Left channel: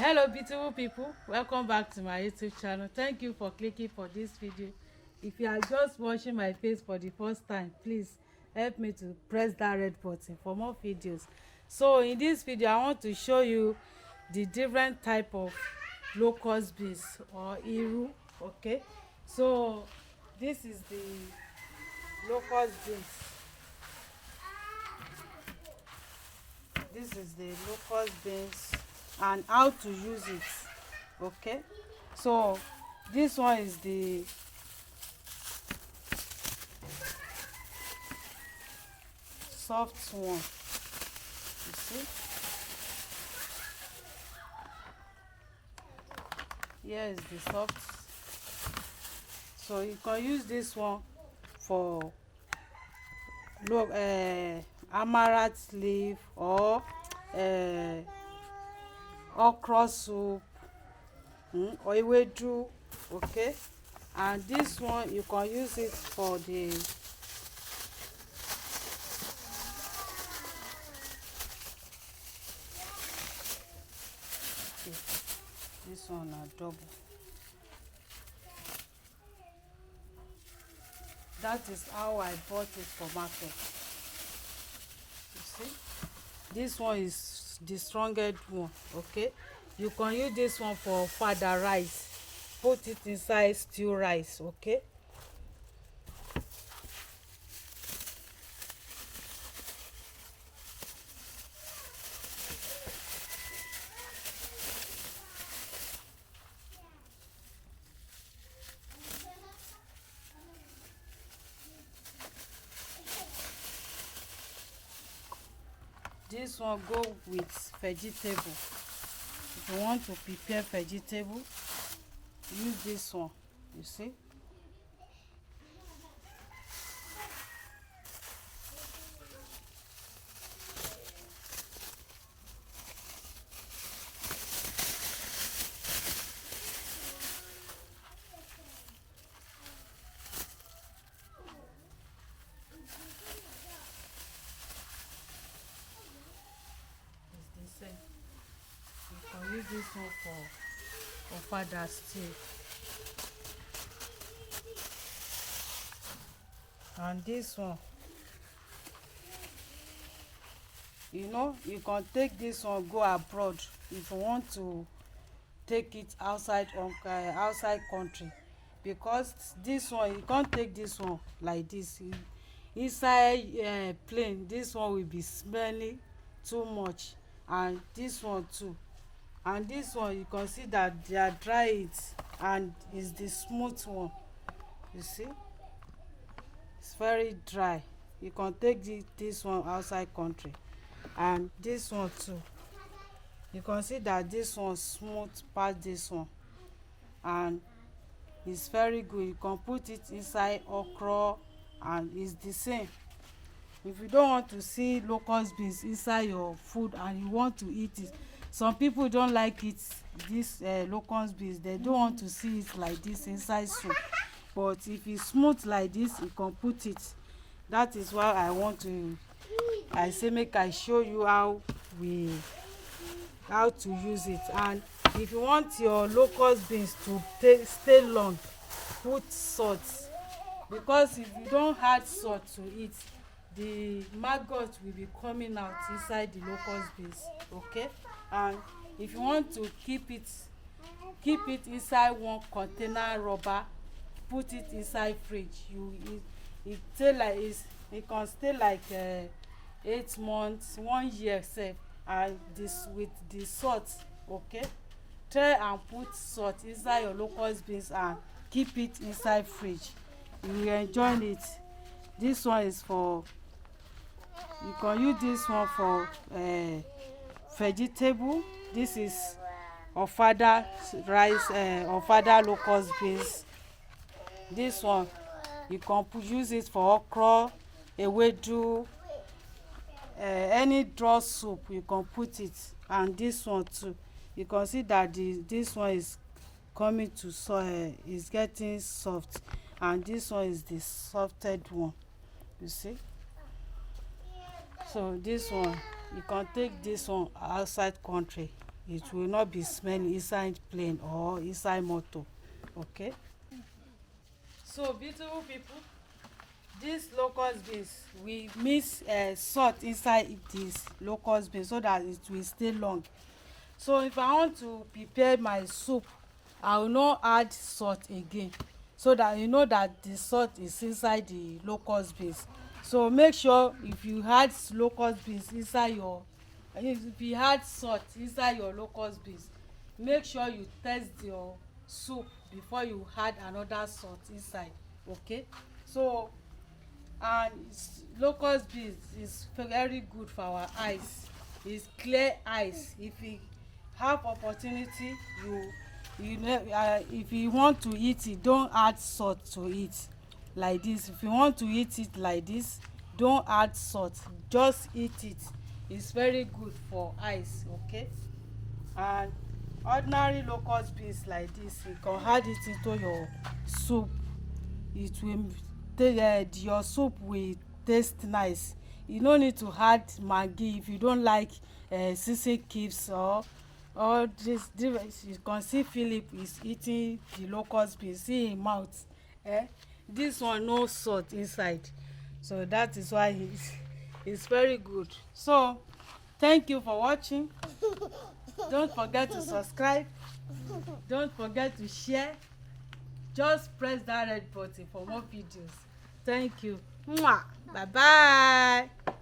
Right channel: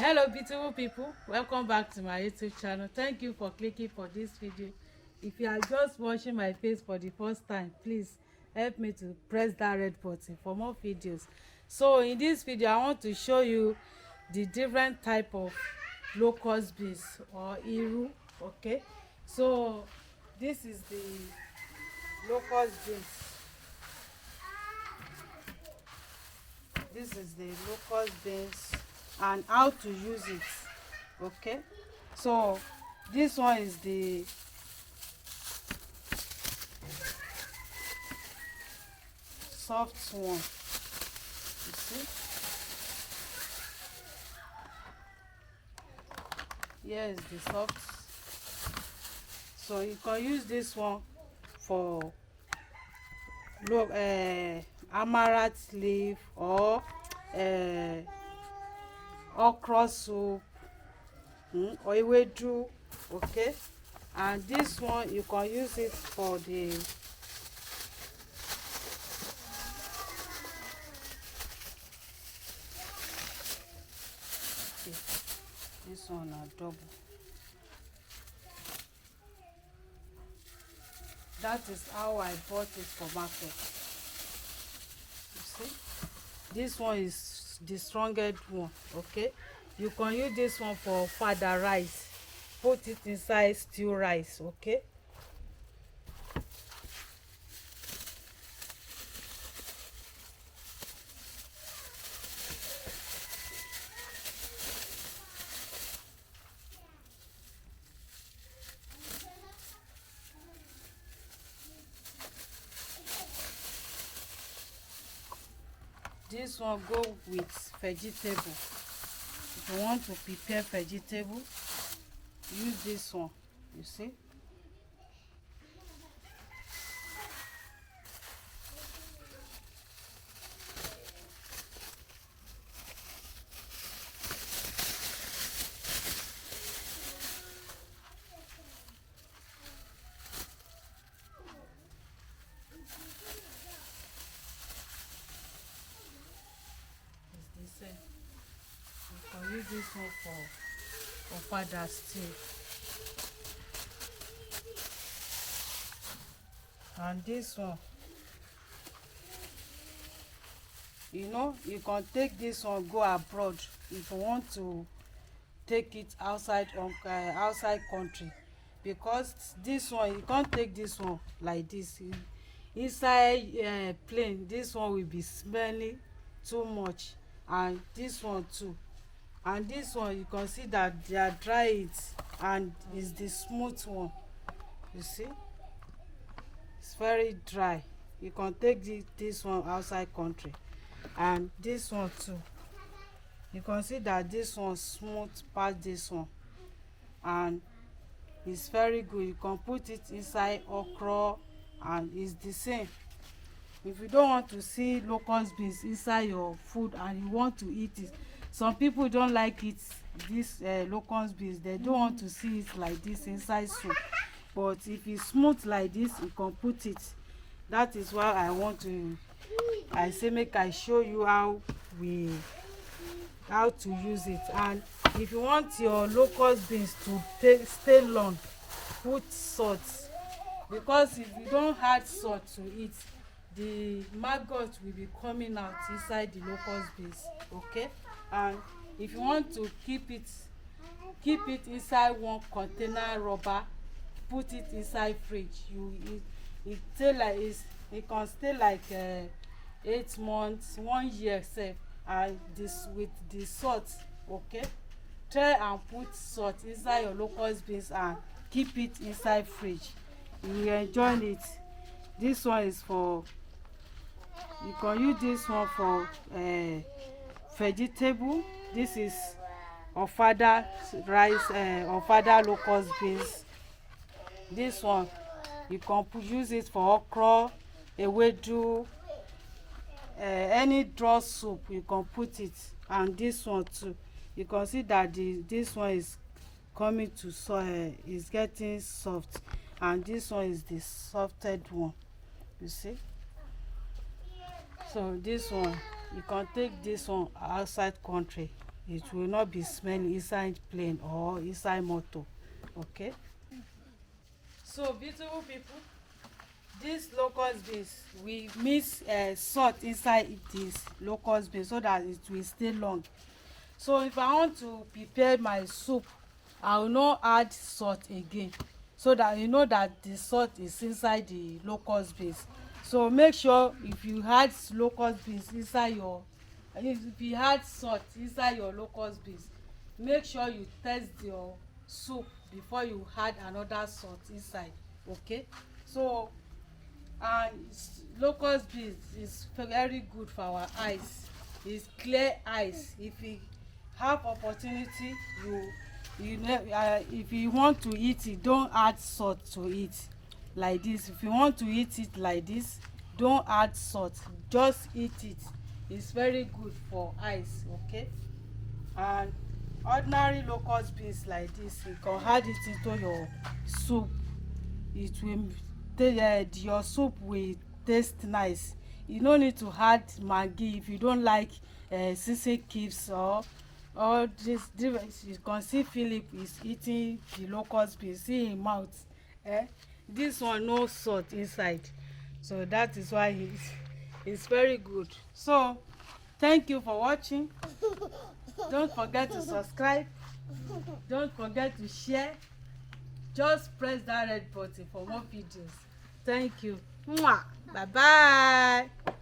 Hello beautiful people, welcome back to my YouTube channel. Thank you for clicking for this video. If you are just watching my face for the first time, please help me to press that red button for more videos. So in this video I want to show you the different type of locust beans or iru. Okay, so this is the locust beans. This is the locust beans and how to use it. Okay, so this one is the soft one. You see, here is the soft. So you can use this one for amaranth leaf or okra soup, or ewedu. Okay, and this one you can use it for the this one are double. That is how I bought it for market. You see, this one is the strongest one. Okay, you can use this one for fada rice, put it inside stew rice. Okay, this one go with vegetable. If you want to prepare vegetable, use this one. You see, it's the same. You can use this one for fada stew. And this one, you can take this one go abroad if you want to take it outside outside country, because this one you can't take this one like this inside plane. This one will be smelling too much, and this one too. And this one you can see that they are dry it, and is the smooth one. You see, it's very dry. You can take this one outside country. And this one too, you can see that this one smooth past this one, and it's very good. You can put it inside okra, and it's the same. If you don't want to see locust beans inside your food and you want to eat it, some people don't like it, this locust beans, they don't want to see it like this inside soup. But if it's smooth like this, you can put it. That is why I say make I show you how to use it. And if you want your locust beans to stay long, put salt, because if you don't add salt to it, the maggot will be coming out inside the locust beans. Okay, and if you want to keep it inside one container rubber, put it inside fridge. It can stay like 8 months, 1 year sef. And this with the salt. Okay, try and put salt inside your locust beans and keep it inside fridge. You will enjoy it. This one is for, you can use this one for vegetable. This is ofada rice, ofada locust beans. This one you can use it for okra, ewedu, any draw soup you can put it. And this one too, you can see that this one is coming to is getting soft, and this one is the softed one. You see, so this one you can take this one outside country. it will not be smelling inside plane or inside motor. Okay, so beautiful people, this locust beans, we mix salt inside this locust beans so that it will stay long. So if I want to prepare my soup, I will not add salt again, so that you know that the salt is inside the locust beans. So make sure if you add locust beans inside your, if you add salt inside your locust beans, make sure you test your soup before you add another salt inside. Okay, so and locust beans is very good for our eyes. It's clear eyes. If you have opportunity, if you want to eat it, don't add salt to it like this. If you want to eat it like this, don't add salt, just eat it. It's very good for eyes. Okay, and ordinary locust beans like this, you can add it into your soup. It will your soup will taste nice. You no need to add maggi if you don't like season cubes or this. You can see Philip is eating the locust beans, see him mouth. This one no salt inside, so that is why it's very good. So thank you for watching. Don't forget to subscribe, don't forget to share. Just press that red button for more videos. Thank you. Mwah. Bye bye.